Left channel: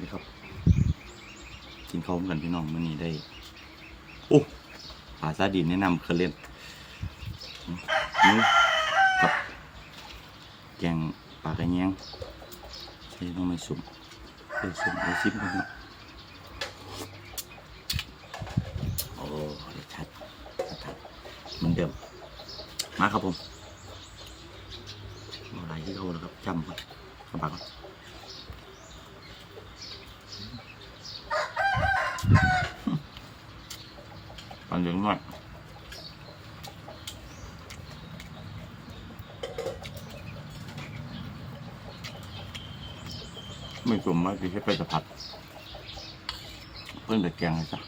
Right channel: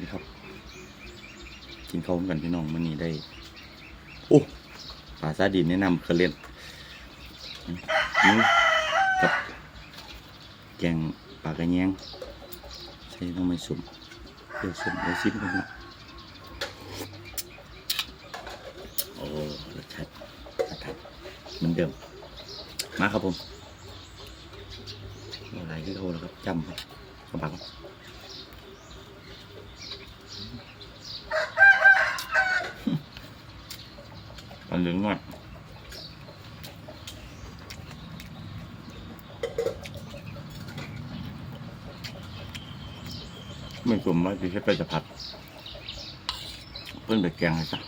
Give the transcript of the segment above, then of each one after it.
นี่ครับ กินข้าวกันพี่น้องมื้อนี้ได้โอ้ปลาซาดินแนะนำเคยเล่นนี่กับแกงปลากระแยงใช้น้ำไม่สุ่มเดี๋ยวสุ่มเดี๋ยวซิมกันนะโอ้รสชาติรสชาติเหมือนเดิม มาครับผมอะไรที่เขาแล้วครับจำครับกระบะก่อ ตอนเหลืองหน่อยไม่สมว่าจะให้ไปจะผัด เพิ่งแต่แกงเลยจ้ะ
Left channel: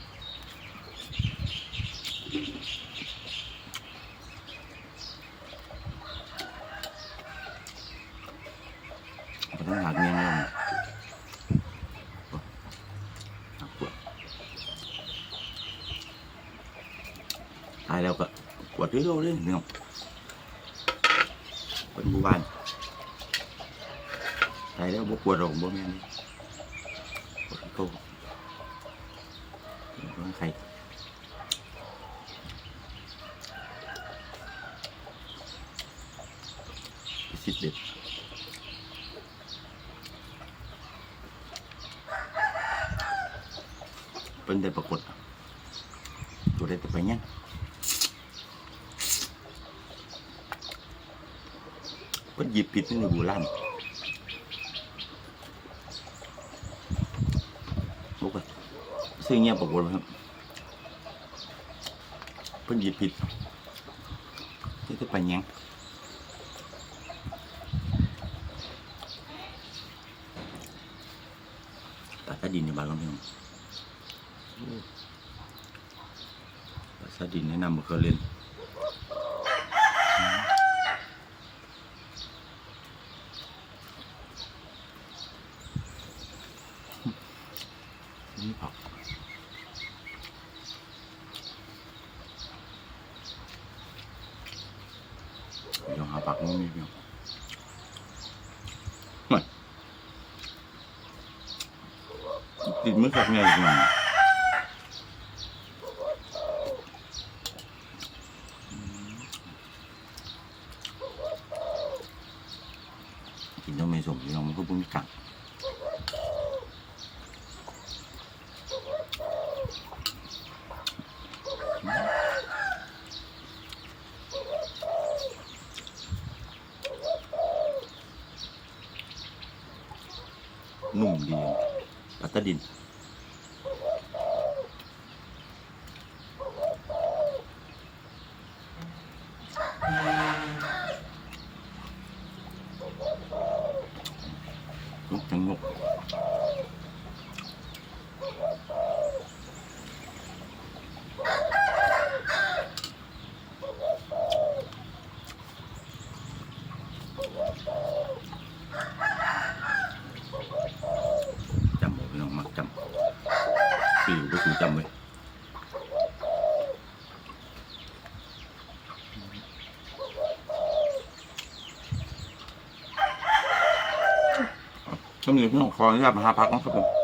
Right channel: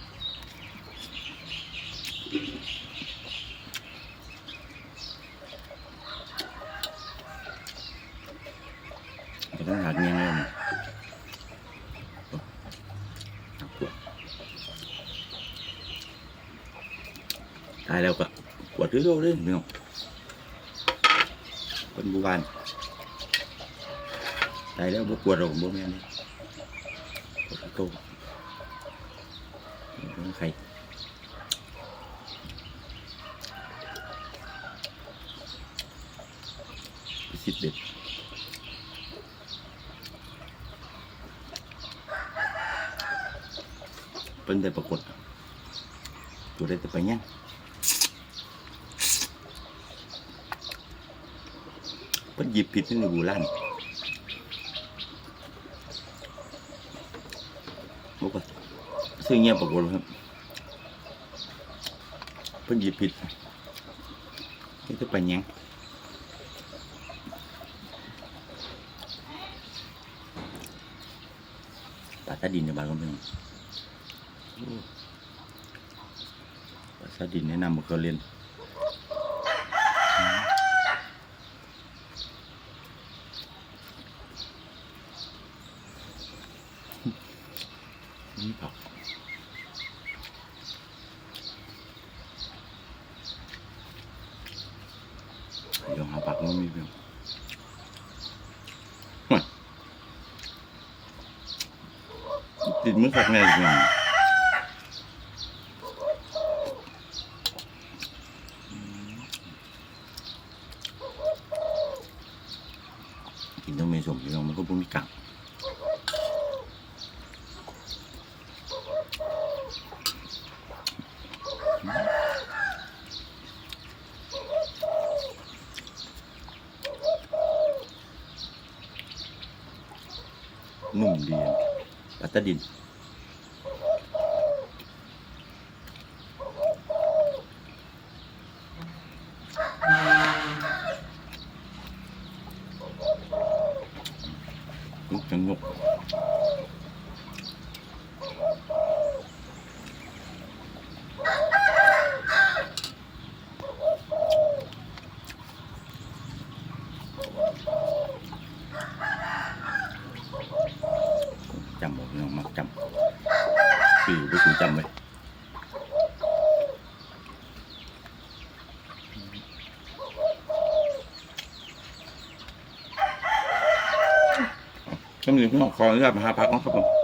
มันต้องหักเงี้ยงเลยมันโอ้หักขวด ตายแล้วก็ขวดเรื่อยๆเลยพี่น้องเป็นบูบานตายแล้วบกขวดเราบ่แม่นเลยขวดโตต้องใครสิบเด็ดเป็นได้ปรากฏตัวได้แต่ไปเนี่ย เป็นหยิบผิดนี่ในบูรันบอกว่าซื้อเงี้ยปรากฏครับเป็นหยิบผิดนี่จะไปเนี่ยปลาตาดินในบ้านเราเพียงปลาซาดินแนะนำมาเคยเรียน นี่ผักเดี๋ยวหาผักมันมีเพียงติดมือขักแน่จริงกินต้องไม่สมพี่น้องมันก็พุ่งกัง นุ่มดีปัตตดินลูกจังงกจำบอกพี่น้องมักจำคือก็คือจำไว้ก็มีพี่น้องขออนุญาตมาหาพักน้องครับผม